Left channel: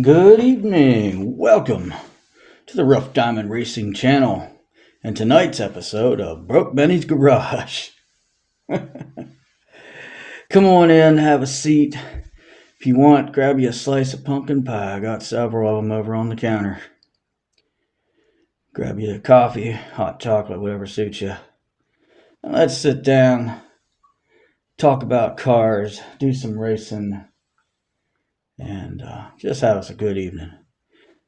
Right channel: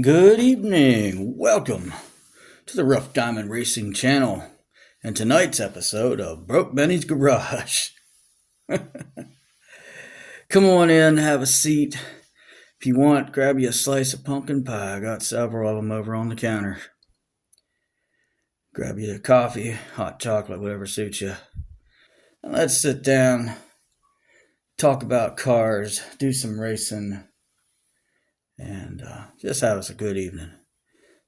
Good evening. Welcome to the Rough Diamond Racing channel and tonight's episode of Broke Benny's Garage. Come on in, have a seat. If you want, grab you a slice of pumpkin pie. I got several of them over on the counter. Grab you a coffee, hot chocolate, whatever suits you. Let's sit down, talk about cars, do some racing, and just have us a good evening.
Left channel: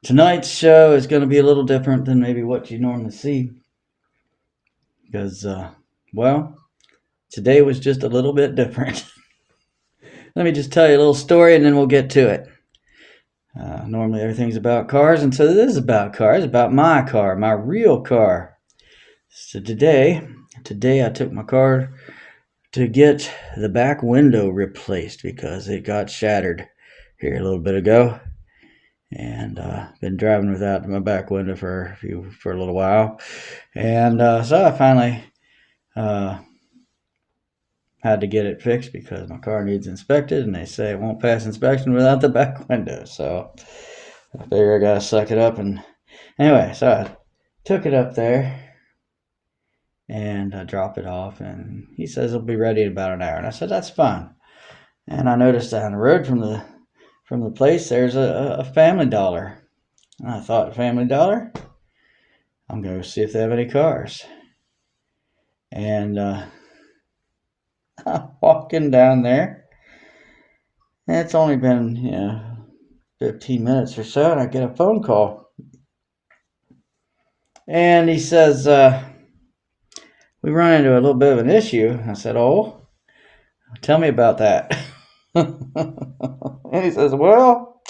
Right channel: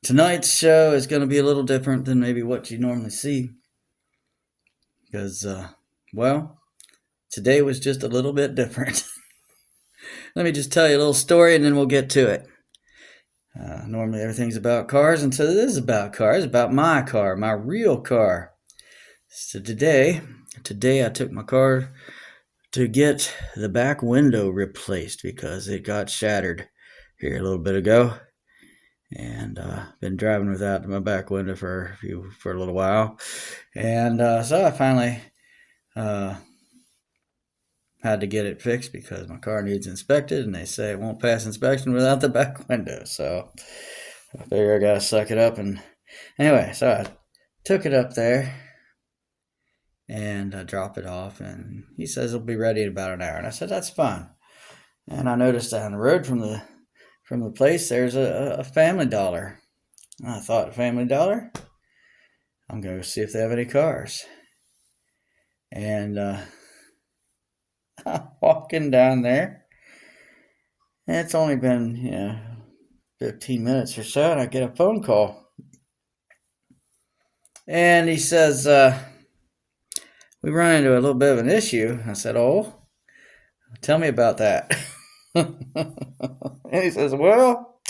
Tonight's show is going to be a little different than maybe what you normally see because, today was just a little bit different. Let me just tell you a little story and then we'll get to it. Normally everything's about cars, and so this is about cars, about my car, my real car. So today I took my car to get the back window replaced because it got shattered here a little bit ago. And been driving without my back window for a little while, and so I finally had to get it fixed because my car needs inspected, and they say it won't pass inspection without the back window. So I figure I gotta suck it up. And anyway, so I took it up there and I dropped it off, and he says it'll be ready in about an hour, and I said that's fine. And I noticed down the road from the place there's a Family Dollar. And I thought, Family Dollar? I'm going to see if they have any cars. And I'm walking down there. And it's only been, 15 minutes or so, and I get a phone call. And he says, we run into a little bit of an issue. I said, oh, tell me about that. And he says, well,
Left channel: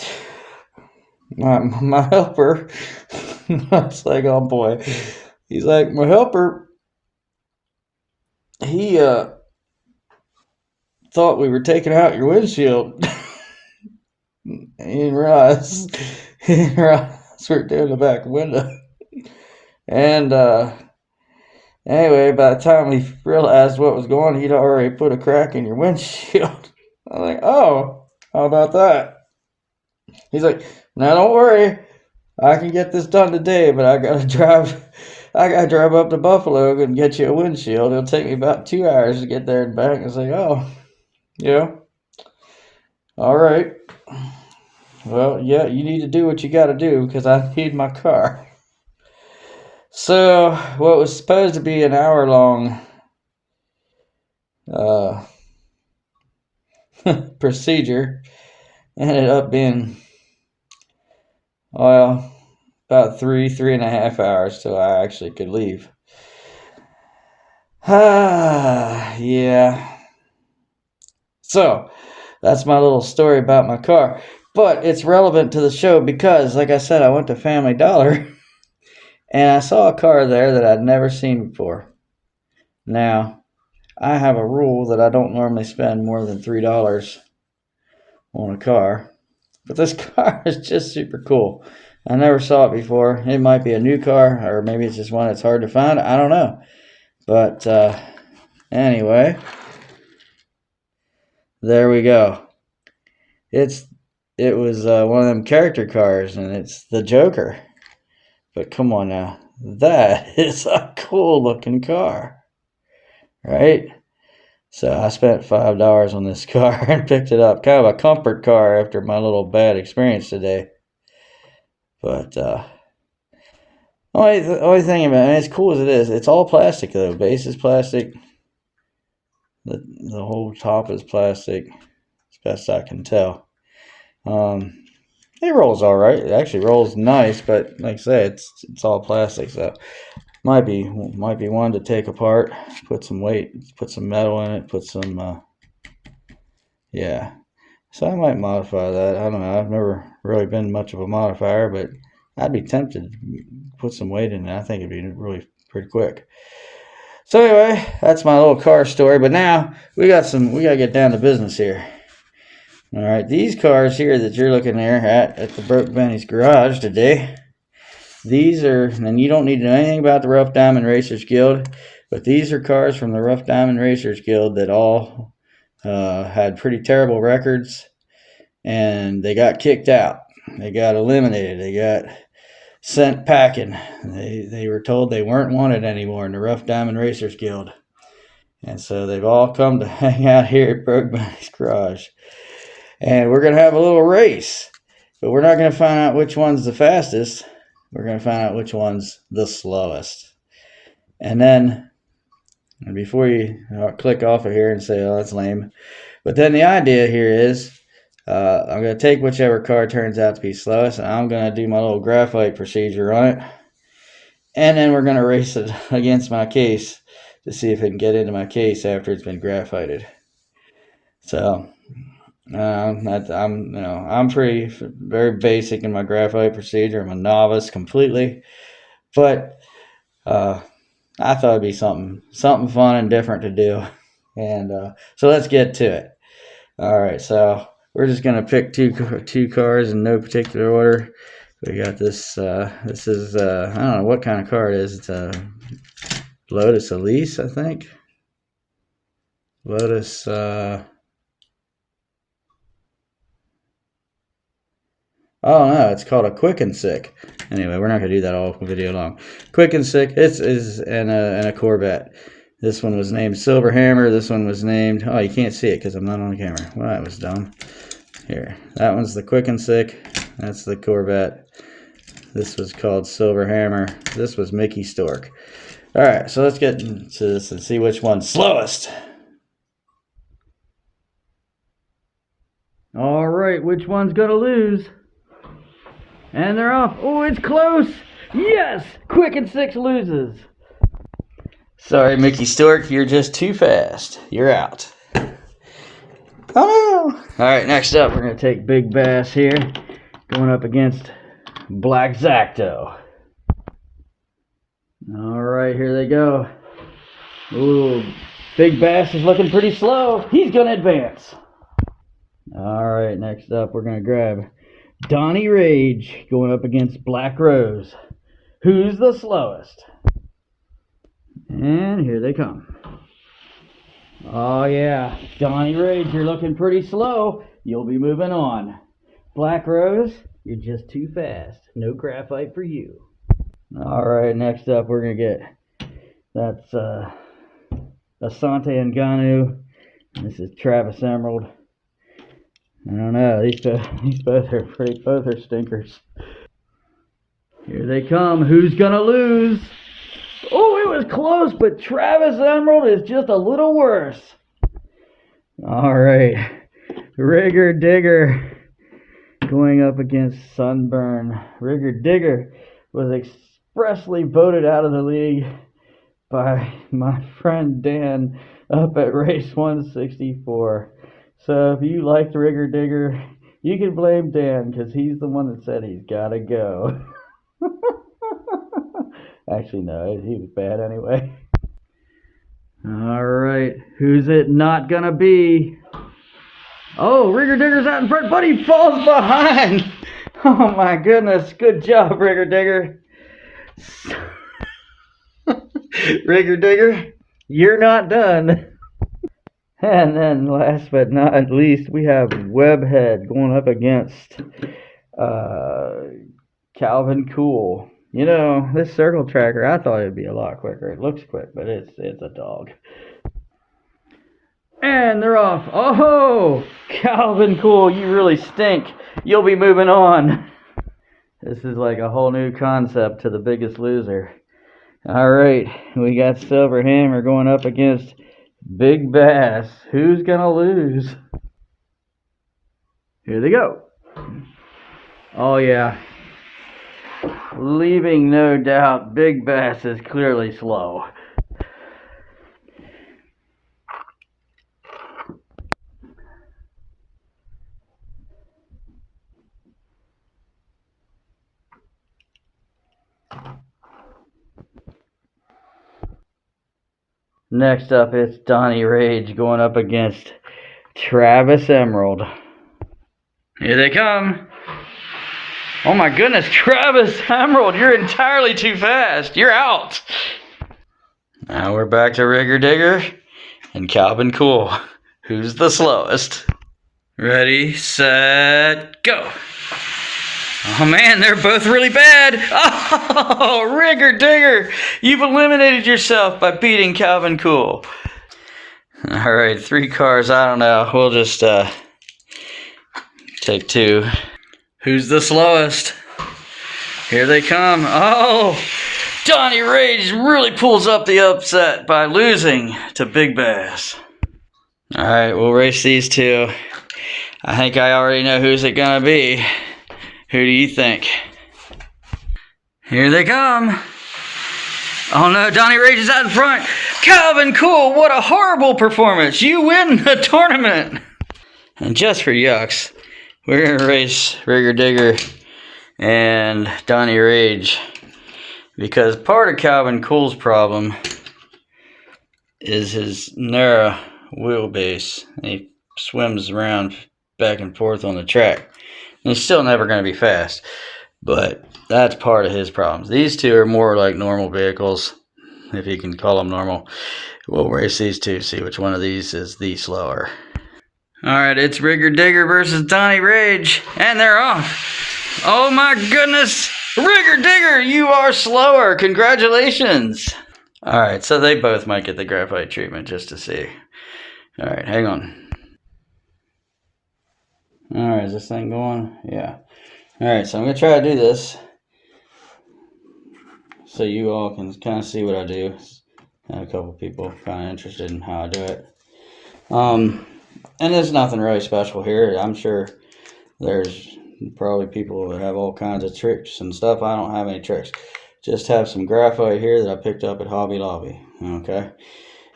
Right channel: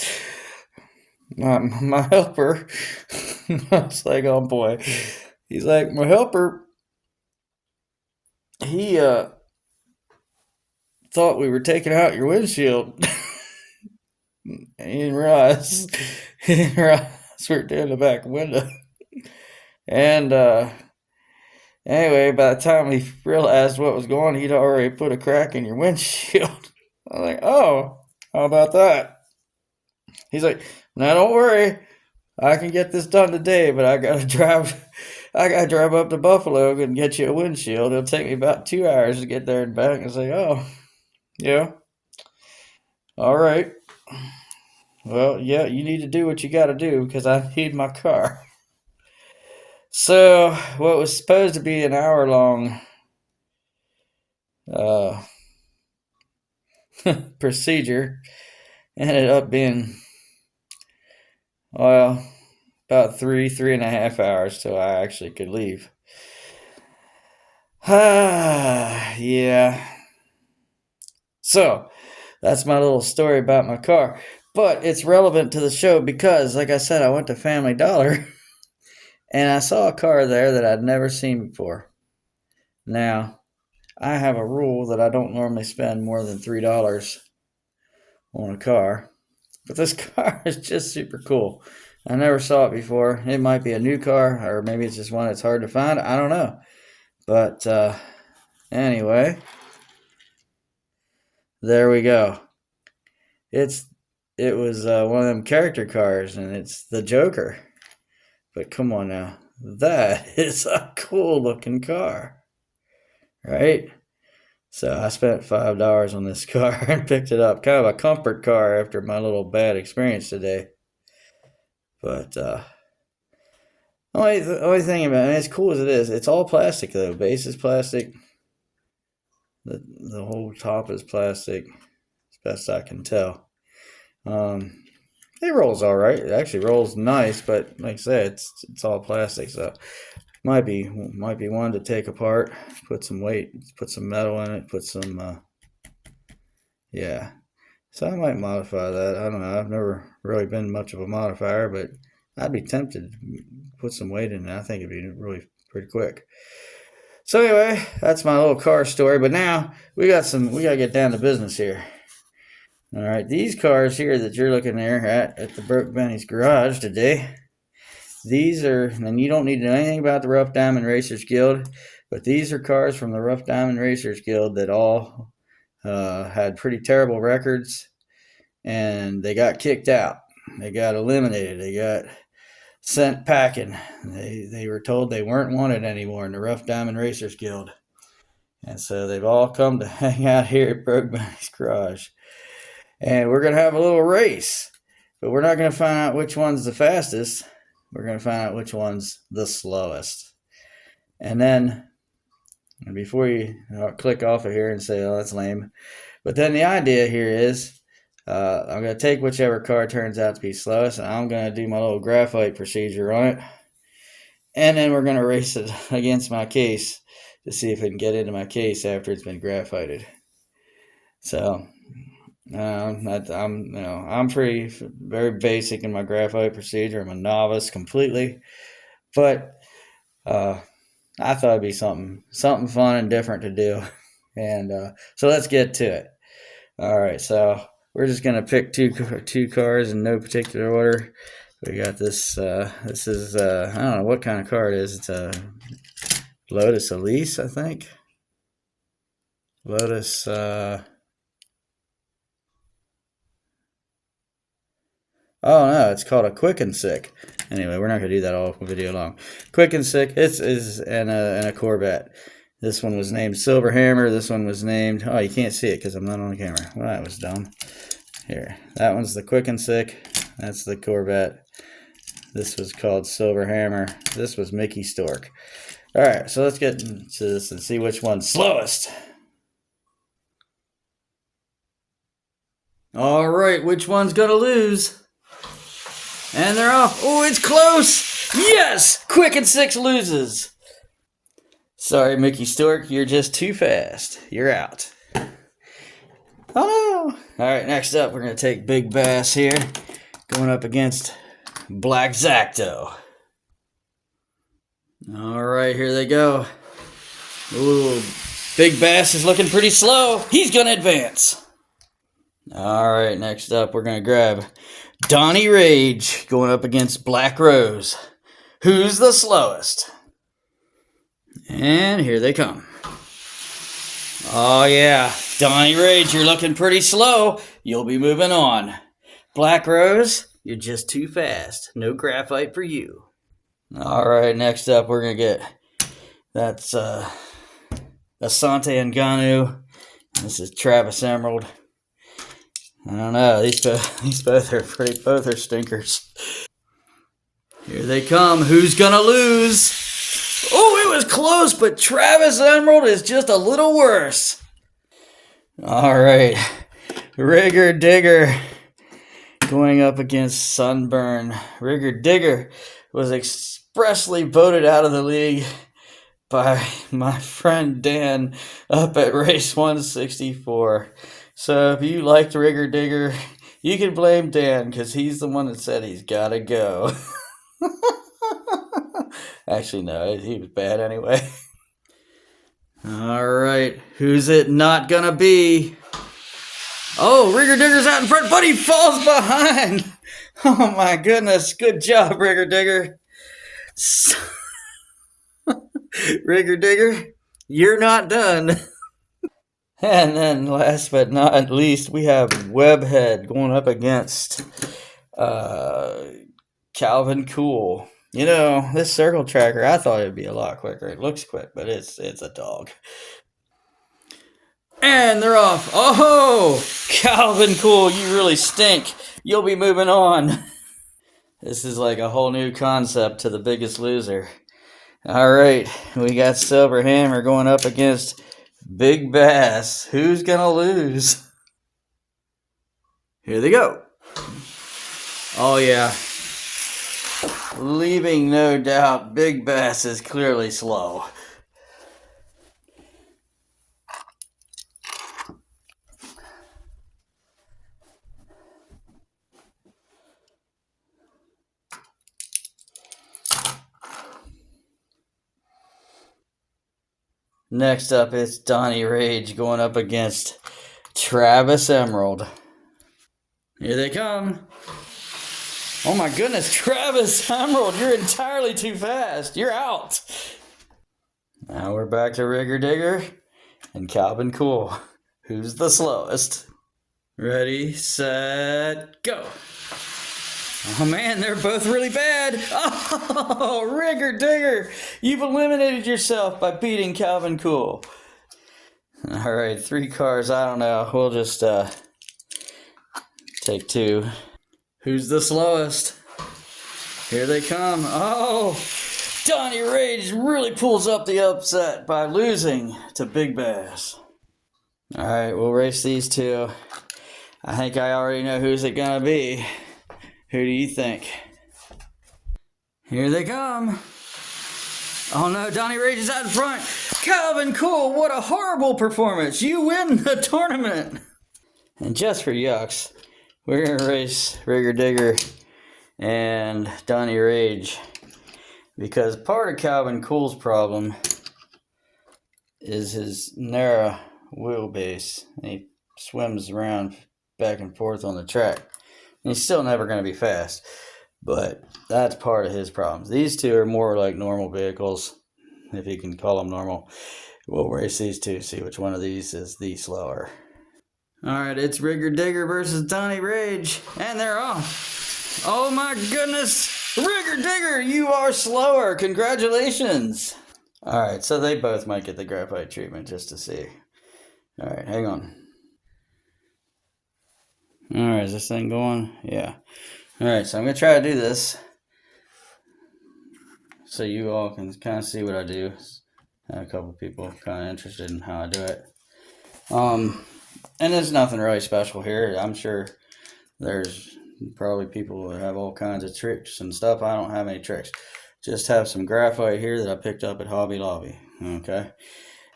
my helper, I was like, oh boy. He's like, my helper, he thought we were taking out your windshield. He didn't realize we were doing the back window. And anyway, by the time he realized what was going on, he'd already put a crack in your windshield. I was like, oh, how about that? He's like, now don't worry, I can get this done today, but I gotta drive up to Buffalo and get you a windshield. It'll take me about 2 hours to get there and back. I was like, oh, yeah, all right. Well, yeah, you need to do what you gotta do because I need my car. So what was supposed to be an hour-long procedure ended up being, well, about 3.5 hours till I actually could leave. Yeah. So that's my little story about my car. But it's relevant to the show because, like I said, I went to Family Dollar and I saw a car there that I'd never seen before. Now, I have a rule that I don't normally spend more than $3 on a car, but this car is just super cool. I never saw it before. It might be a new car, or maybe it's just one that's hard to find. I don't know. But anyway, there we go. It was one of them character cars, and it's the Joker. But come on now, that is a cool looking car, right? So I spent $5 on this car and picked it up. Kind of a comfort car after my little bad experience today. But only thing about it, as cool as it is, it's all plastic though. Base is plastic. The whole top is plastic, as best I can tell. It rolls all right. It actually rolls nice, but like I say, it's all plastic, so might be one to take apart, put some weight, put some metal in it, put some yeah. So I might modify that. I don't know. I've never really been much of a modifier, but I'd be tempted to put some weight in it. I think it'd be really pretty quick. So anyway, that's my little car story. But now we gotta get down to business here. All right, these cars here that you're looking there at the Broke Benny's Garage today, these are, and you don't need to know anything about the Rough Diamond Racers Guild, but these are cars from the Rough Diamond Racers Guild that all had pretty terrible records, and they got kicked out. They got eliminated. They got sent packing. They were told they weren't wanted anymore in the Rough Diamond Racers Guild. And so they've all come to hang out here at Broke Bunny's Garage. And we're going to have a little race. But we're not going to find out which one's the fastest. We're going to find out which one's the slowest. And then, before you click off of here and say, oh, that's lame. But then the idea here is, I'm going to take whichever car turns out to be slowest, and I'm going to do my little graphite procedure on it. And then we're going to race it against my case to see if it can get into my case after it's been graphited. So, I'm pretty very basic in my graphite procedure. I'm a novice completely, but I thought it'd be something fun and different to do. And so let's get to it. All right, so we're just gonna pick two cars in no particular order. We got this. This is I don't know what kind of car it is. It's a Lotus Elise, I think. Lotus. Oh no, it's called a Quick and Sick. Anyway, we're not gonna do that all video long. Quick and Sick. It's and a Corvette. This one was named Silver Hammer. This one was named. Oh, you can't see it because I'm not on camera. Well, that was dumb. Here, that one's the Quick and Sick. That's the Corvette. This was called Silver Hammer. This was Mickey Stork. All right, so let's get into this and see which one's slowest. All right, which one's gonna lose? And they're off. Oh, it's close. Yes, Quick and Sick loses. Sorry, Mickey Stork, you're just too fast. You're out. Oh. All right, next up, we're going to take Big Bass here, going up against Black Zacto. All right, here they go. Ooh, Big Bass is looking pretty slow. He's going to advance. All right, next up, we're going to grab Donnie Rage going up against Black Rose. Who's the slowest? And here they come. Oh yeah, Donnie Rage, you're looking pretty slow. You'll be moving on. Black Rose, you're just too fast. No graphite for you. All right, next up we're gonna get that's Asante Ngannou. This is Travis Emerald. I don't know. These both are stinkers. Here they come. Who's gonna lose? Oh, it was close, but Travis Emerald is just a little worse. All right, Rigger Digger going up against Sunburn. Rigger Digger was expressly voted out of the league by my friend Dan up at race 164. So if you liked Rigger Digger, you can blame Dan because he's the one that said he's got to go. Actually, no, he was bad anyway. All right, who's it not gonna be? Oh, Rigger Digger's out in front, but he falls behind. Oh my goodness, good job, Rigger Digger. Rigger Digger, you're not done. And then last but not least, we have Webhead going up against Calvin Cool. You know, this circle tracker, I thought it'd be a lot quicker. It looks quick, but it's a dog. And they're off. Oh, Calvin Cool, you really stink. You'll be moving on. This is like a whole new concept to The Biggest Loser. All right, we got Silver Hammer going up against Big Bass. Who's gonna lose? Here they go. Oh yeah. Leaving no doubt, Big Bass is clearly slow. Next up, it's Donnie Rage going up against Travis Emerald. Here they come. Oh my goodness, Travis Emerald, you're entirely too fast. You're out. Now we're back to Rigger Digger and Calvin Cool. Who's the slowest? Ready, set, go. Oh man, they're both really bad. Oh, Rigger Digger, you've eliminated yourself by beating Calvin Cool. All right, 3 cars. I don't know. We'll just take 2. Who's the slowest? Here they come. Oh, Donnie Rage really pulls up the upset by losing to Big Bass. All right, we'll race these 2. I think I already know who's it gonna be. Who do you think? Here they come. Oh no, Donnie Rage is out in front. Calvin Cool, what a horrible performance. You win the tournament. And just for yucks, we're gonna race Rigger Digger and Donnie Rage, because part of Calvin Cool's problem is his narrow wheelbase. He swims around back and forth on the track. And he's still never going to be fast, but that's part of his problems. These 2 are more like normal vehicles, if you can call them normal. We'll race these 2, see which one of these is the slower. All right, it's Rigger Digger versus Donnie Rage, and they're off. Oh my goodness, Rigger Digger, you are slower. Congratulations. All right, so they both might get the graphite treatment just to see. All right, hang on. All right, is this thing going? Yeah. All right, so I'm going to try to do this so you all can kind of see what I do. I had a couple people kind of interested in how I do it. And there's nothing really special here. I'm sure there's probably people that have all kinds of tricks and stuff. I don't have any tricks. Just have some graphite here that I picked up at Hobby Lobby. Okay.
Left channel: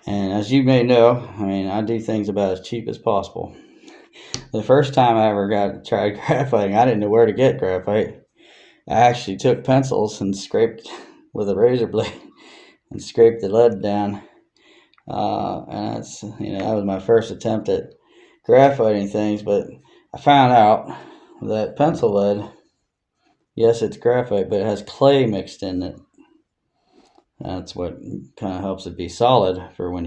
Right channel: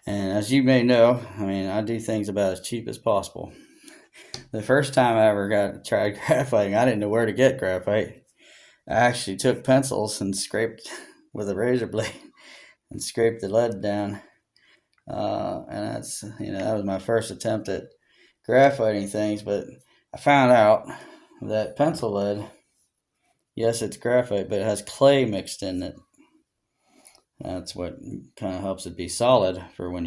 And as you may know, I mean, I do things about as cheap as possible. The first time I ever tried graphiting, I didn't know where to get graphite. I actually took pencils and scraped with a razor blade and scraped the lead down. And that's, that was my first attempt at graphiting things. But I found out that pencil lead, yes, it's graphite, but it has clay mixed in it. That's what kind of helps it be solid for when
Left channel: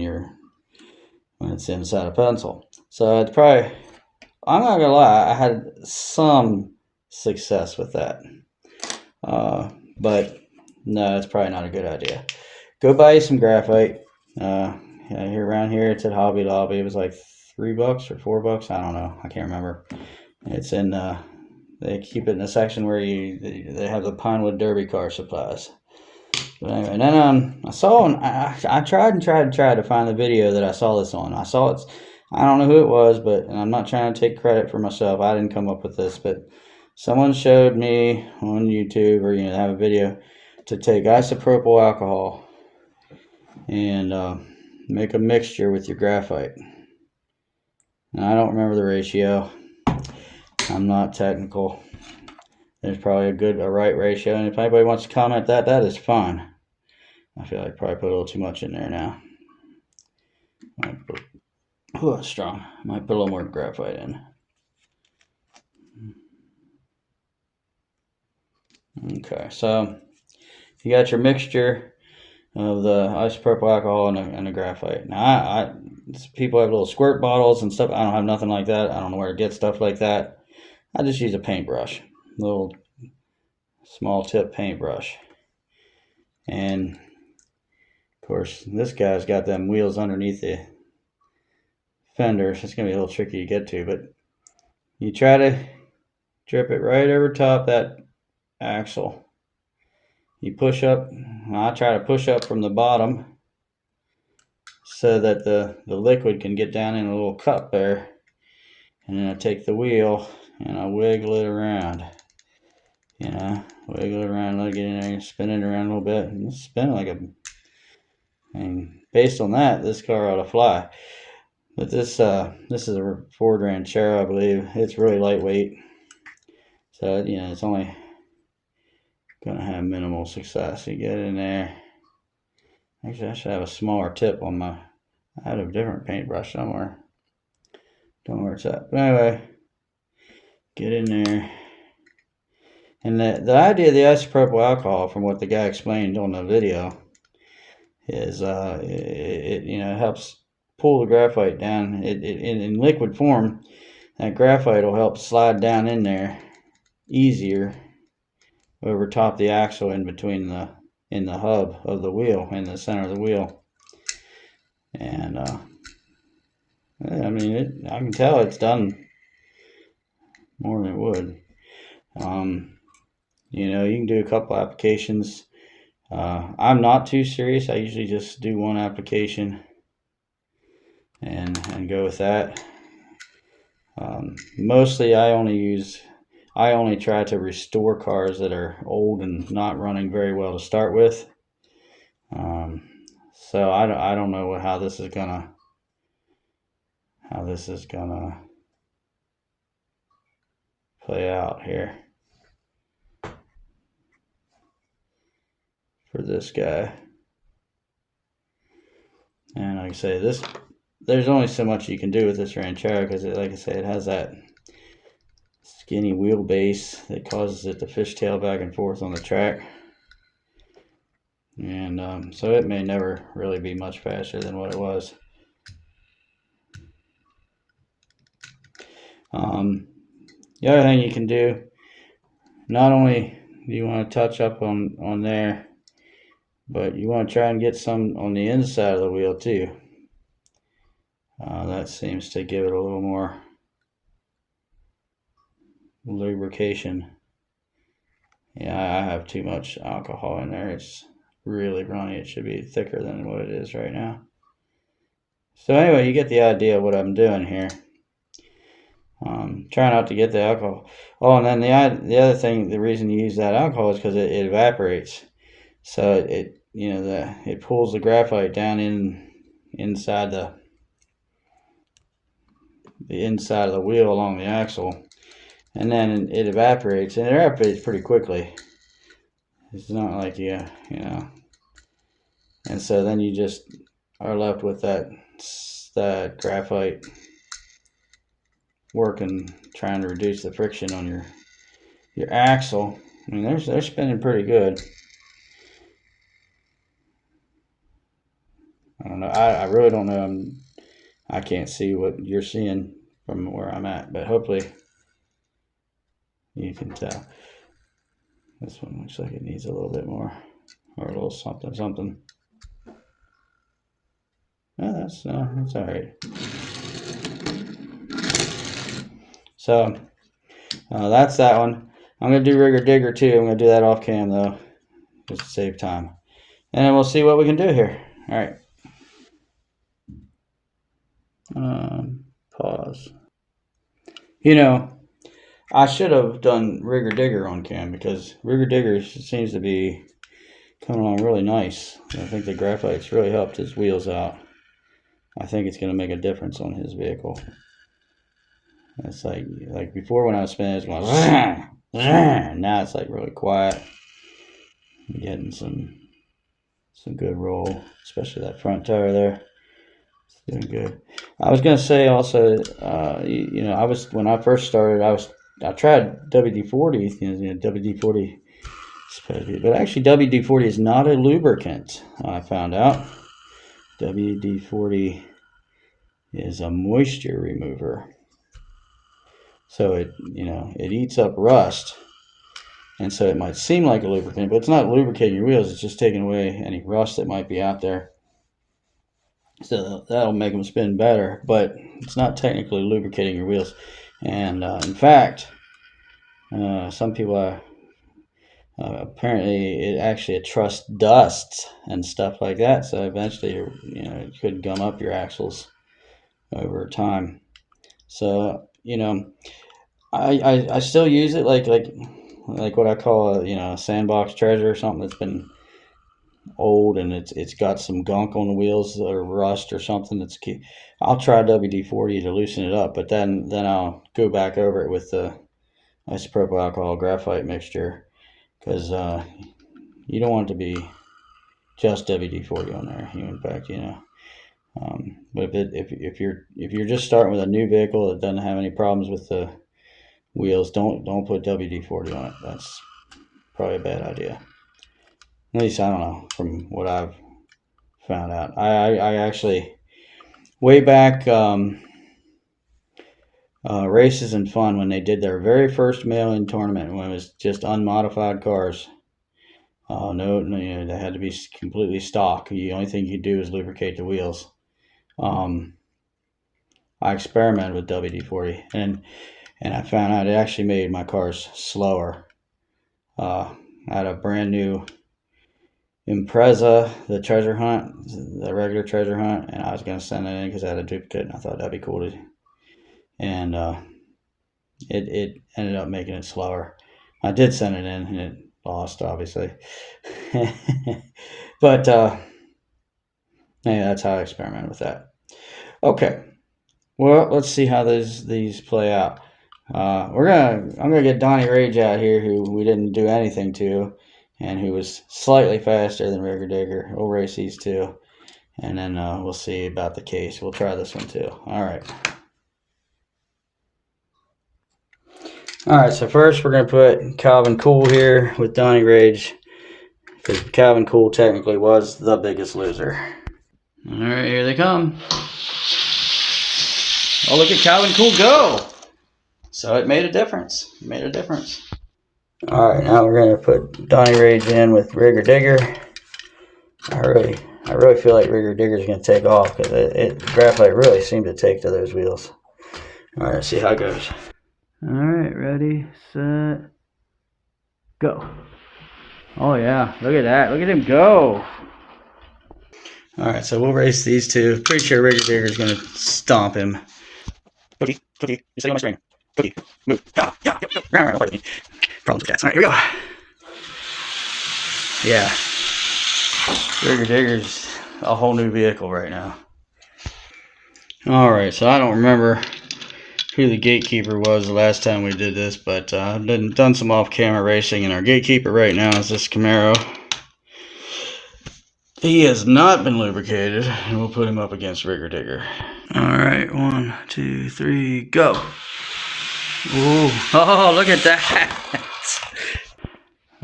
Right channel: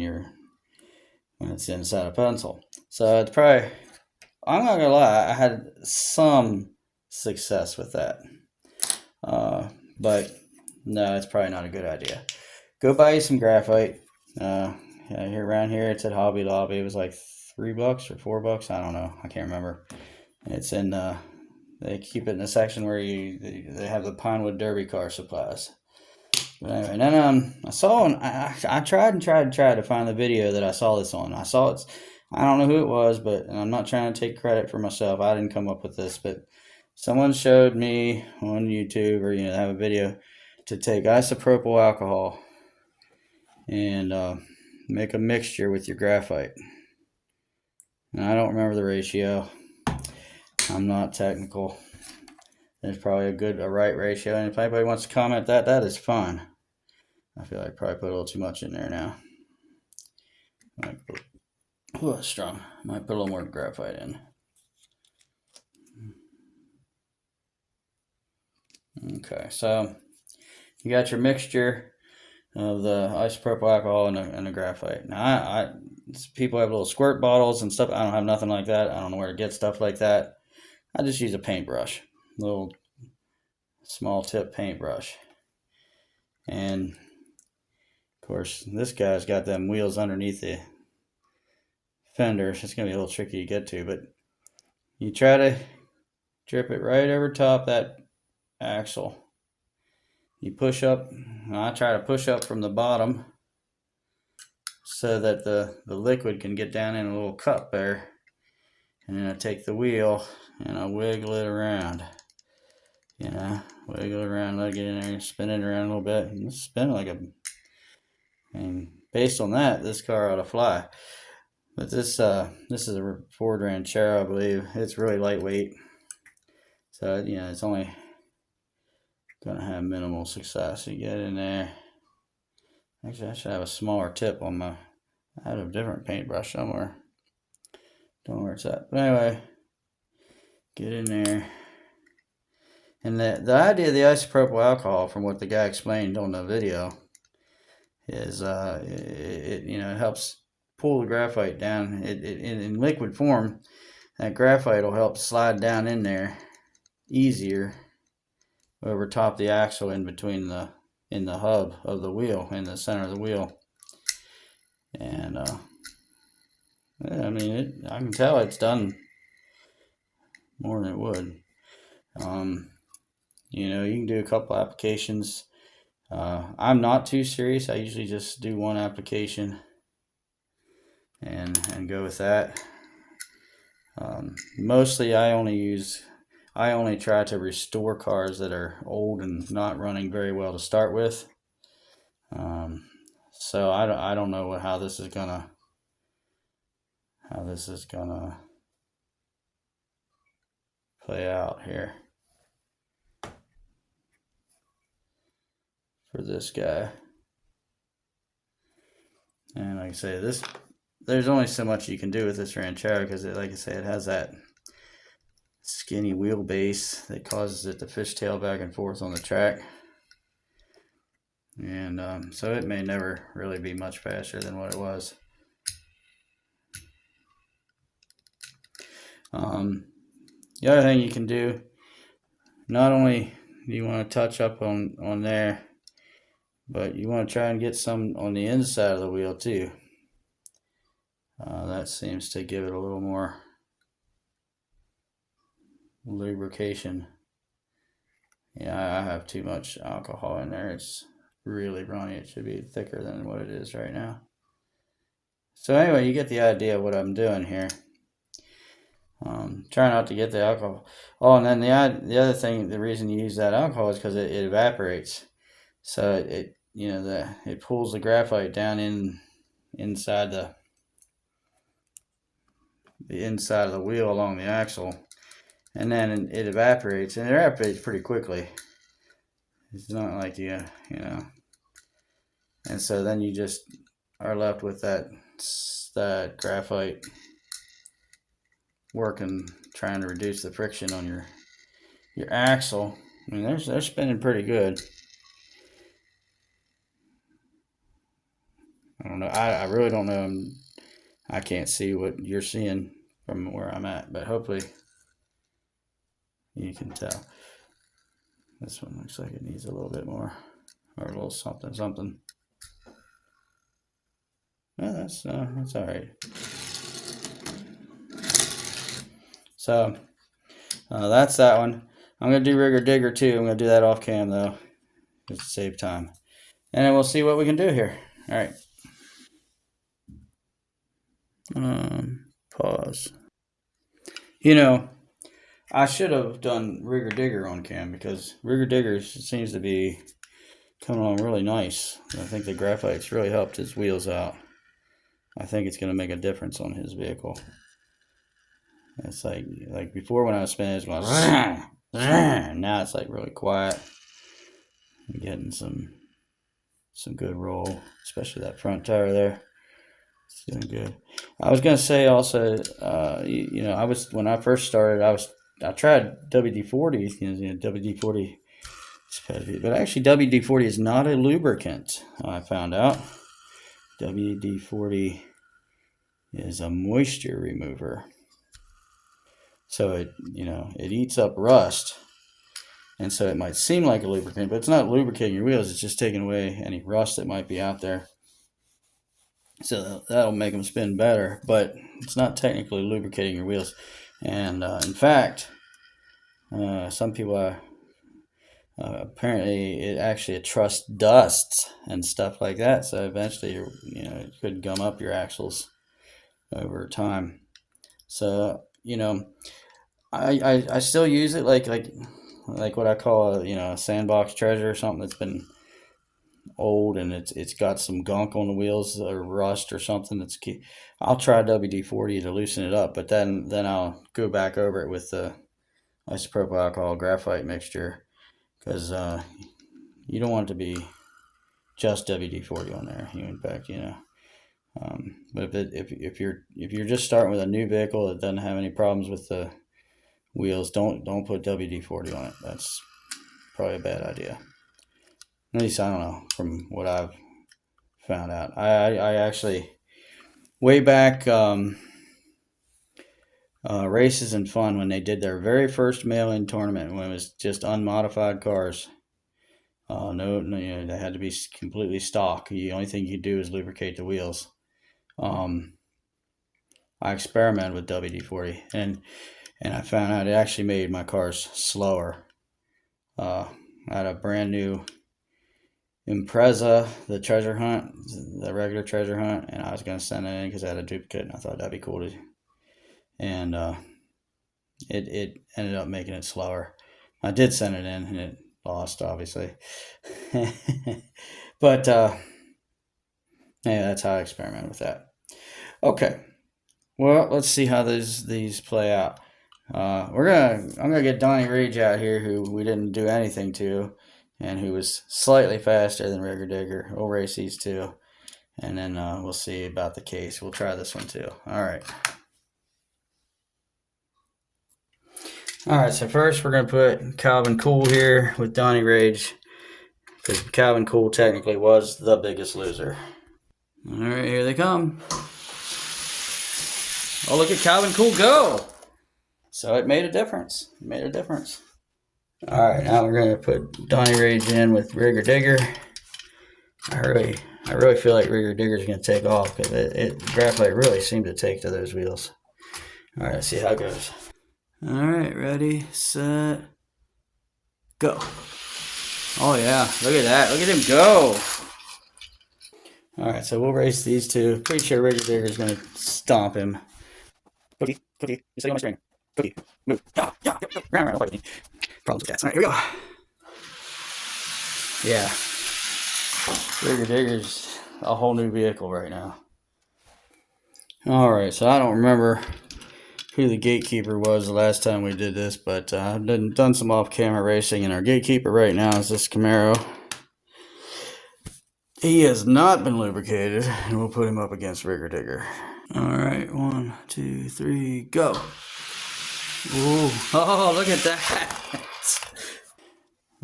it's inside a pencil. So it's probably, I'm not gonna lie, I had some success with that. But no, it's probably not a good idea. Go buy you some graphite. Here around here, it's at Hobby Lobby. It was like $3 or $4. I don't know. I can't remember. It's in. They keep it in a section where they have the Pinewood Derby car supplies. But anyway, and then I saw I tried to find the video that I saw this on. I saw it. I don't know who it was, and I'm not trying to take credit for myself. I didn't come up with this, but someone showed me on YouTube, or they have a video, to take isopropyl alcohol and make a mixture with your graphite. Now, I don't remember the ratio. I'm not technical. There's probably a right ratio, and if anybody wants to comment that is fine. I feel like I probably put a little too much in there now. Strong. Might put a little more graphite in. Okay, so you got your mixture of the isopropyl alcohol and the graphite. Now, people have little squirt bottles and stuff. I don't have nothing like that. I don't know where to get stuff like that. I just use a paintbrush, little small tip paintbrush. And of course, this guy's got them wheels underneath the fenders. It's gonna be a little tricky to get to, but you try to drip it right over top that axle. You push up. I try to push up from the bottom so that the liquid can get down in a little cup there, and then I take the wheel and I wiggle it around. Wiggle it around, let it get in there, spin it around a little bit, and spin like based on that, this car ought to fly. But this is a Ford Ranchero, I believe. It's really lightweight, so it's only gonna have minimal success. You get in there. Actually, I should have a smaller tip on my. I had a different paintbrush somewhere. Don't know where it's at. But anyway, get in there. And the idea of the isopropyl alcohol, from what the guy explained on the video, is it helps pull the graphite down. In liquid form, that graphite will help slide down in there easier over top the axle in between in the hub of the wheel, in the center of the wheel. And I mean, I can tell it's done more than it would. You know, you can do a couple applications. I'm not too serious. I usually just do one application and go with that. Mostly I only try to restore cars that are old and not running very well to start with. So I don't know how this is gonna play out here for this guy. And like I say, there's only so much you can do with this Ranchero because, like I say, it has that skinny wheelbase that causes it to fishtail back and forth on the track. And so it may never really be much faster than what it was. The other thing you can do, not only do you want to touch up on there, but you want to try and get some on the inside of the wheel too. That seems to give it a little more lubrication. Yeah, I have too much alcohol in there. It's really runny. It should be thicker than what it is right now. So anyway, you get the idea of what I'm doing here. Try not to get the alcohol. Oh, and then the other thing, the reason you use that alcohol is because it evaporates. So it pulls the graphite down inside the inside of the wheel along the axle, and then it evaporates, and it evaporates pretty quickly. It's not like you know, and so then you just are left with that graphite working, trying to reduce the friction on your axle. I mean, they're spinning pretty good. I don't know. I really don't know. I can't see what you're seeing from where I'm at, but hopefully you can tell. This one looks like it needs a little bit more, or a little something. Oh, that's all right. So that's that one. I'm gonna do Rigger Digger too. I'm gonna do that off cam though, just to save time, and then we'll see what we can do here. All right. Pause. You know, I should have done Rigger Digger on cam because Rigger Digger seems to be coming on really nice. I think the graphite's really helped his wheels out. I think it's going to make a difference on his vehicle. It's like before when I was spinning, it was going, now it's like really quiet. I'm getting some good roll, especially that front tire there. It's doing good. I was gonna say also, you know, when I first started, I tried WD-40, WD-40 but actually WD-40 is not a lubricant. I found out WD-40 is a moisture remover. So it eats up rust, and so it might seem like a lubricant, but it's not lubricating your wheels. It's just taking away any rust that might be out there. So that'll make them spin better, but it's not technically lubricating your wheels. And in fact, some people apparently it actually atrusts dust and stuff like that. So eventually, it could gum up your axles over time. So I still use it like what I call a sandbox treasure or something that's been old and it's got some gunk on the wheels or rust or something. I'll try WD-40 to loosen it up, but then I'll go back over it with the isopropyl alcohol graphite mixture because you don't want it to be just WD-40 on there. In fact, but if you're just starting with a new vehicle that doesn't have any problems with the wheels, don't put WD-40 on it. That's probably a bad idea. At least I don't know from what I've found out. I actually way back Races and Fun, when they did their very first mail-in tournament, when it was just unmodified cars. No, they had to be completely stock. The only thing you do is lubricate the wheels. I experimented with WD-40, and I found out it actually made my cars slower. I had a brand new Impreza, the treasure hunt, the regular treasure hunt, and I was going to send it in because I had a duplicate, and I thought that'd be cool to. And it ended up making it slower. I did send it in, and it lost, obviously. But yeah, that's how I experimented with that. Okay, well, let's see how these play out. I'm gonna get Donnie Rage out here, who we didn't do anything to, and who was slightly faster than Rigger Digger. We'll race these two, and then we'll see about the case. We'll try this one too. All right. All right. So first, we're gonna put Calvin Cool here with Donnie Rage, because Calvin Cool technically was the biggest loser. All right, here they come. Oh, look at Calvin Cool go! So it made a difference. It made a difference. All right, now we're gonna put Donnie Rage in with Rigger Digger. I really feel like Rigger Digger is gonna take off, because Graphite really seemed to take to those wheels. All right, let's see how it goes. All right, ready, set, go. Oh yeah, look at that! Look at him go! All right, so we'll race these two. Pretty sure Rigger Digger is gonna stomp him. Cookie, you're sitting on my screen. Cookie, move. Yeah. Problems with cats. All right, here we go. Yeah. Rigger Digger's a whole new vehicle right now. Alright, so I don't remember who the gatekeeper was the last time we did this, but I've done some off-camera racing, and our gatekeeper right now is this Camaro. He has not been lubricated, and we'll put him up against Rigger Digger. Alright, 1, 2, 3, go! Ooh, oh, look at that!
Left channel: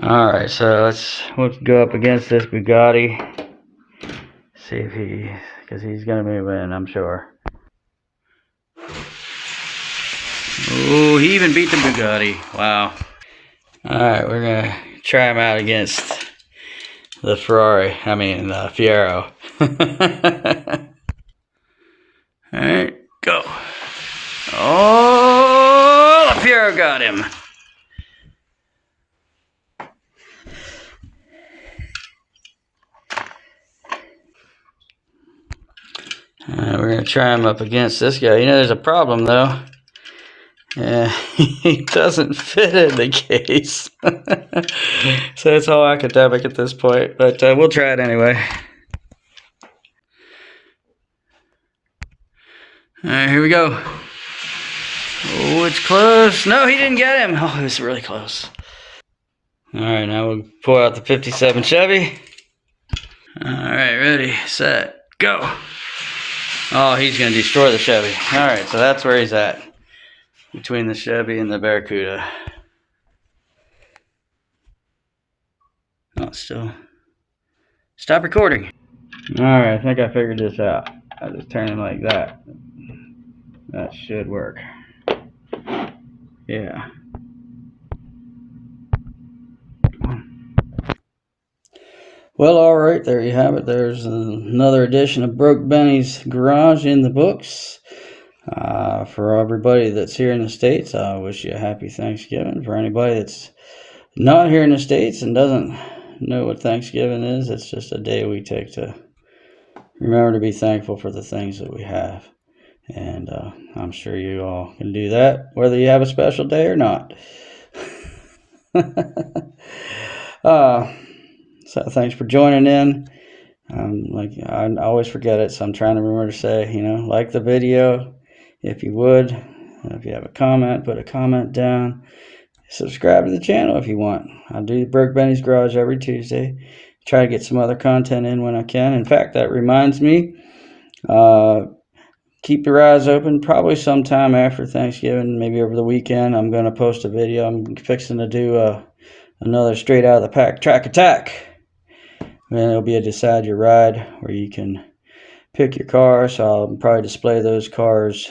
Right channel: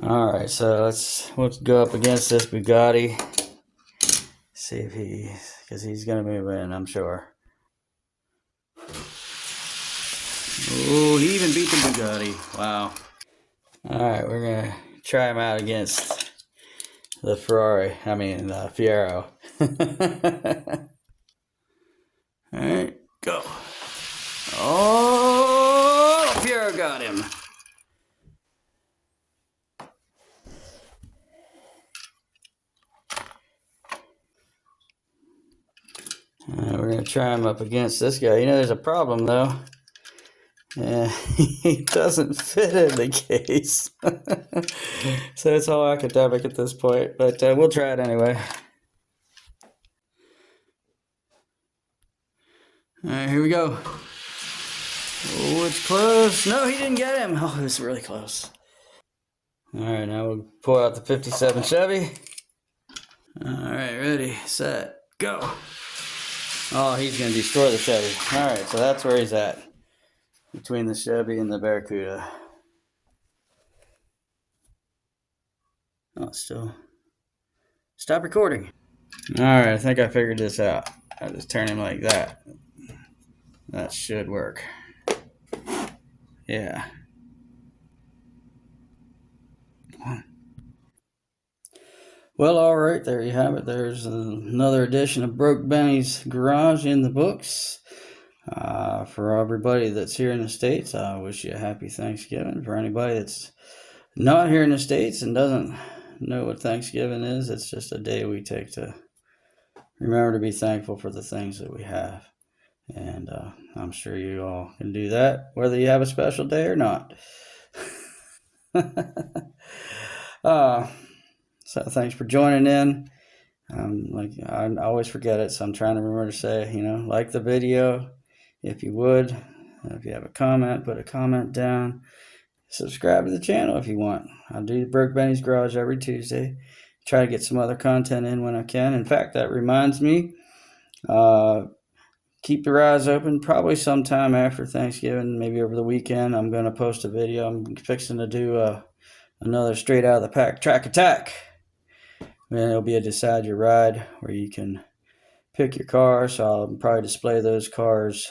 Alright, so let's go up against this Bugatti. See if because he's gonna be winning, I'm sure. Ooh, he even beat the Bugatti. Wow. Alright, we're gonna try him out against the Fiero. Alright, go. Oh, the Fiero got him. We're going to try him up against this guy. You know, there's a problem, though. Yeah, he doesn't fit in the case. So it's all academic at this point, but we'll try it anyway. All right, here we go. Oh, it's close. No, he didn't get him. Oh, it was really close. All right, now we'll pull out the 57 Chevy. All right, ready, set, go. Oh, he's going to destroy the Chevy. All right, so that's where he's at, between the Chevy and the Barracuda. Oh, still. Stop recording. All right, I think I figured this out. I just turn him like that. That should work. Yeah. Well, all right, there you have it. There's another edition of Broke Benny's Garage in the books. For everybody that's here in the States, I wish you a happy Thanksgiving. For anybody that's not here in the States and doesn't know what Thanksgiving is, it's just a day we take to remember to be thankful for the things that we have. And I'm sure you all can do that, whether you have a special day or not. So thanks for joining in. I always forget it, so I'm trying to remember to say, like the video if you would. If you have a comment, put a comment down. Subscribe to the channel if you want. I do Broke Benny's Garage every Tuesday. Try to get some other content in when I can. In fact, that reminds me, keep your eyes open. Probably sometime after Thanksgiving, maybe over the weekend, I'm going to post a video. I'm fixing to do another Straight Out of the Pack track attack. And it'll be a Decide Your Ride where you can pick your car. So I'll probably display those cars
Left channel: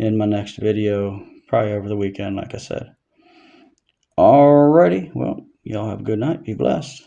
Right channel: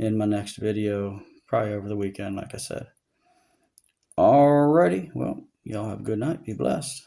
in my next video, probably over the weekend, like I said. Alrighty, well, y'all have a good night. Be blessed.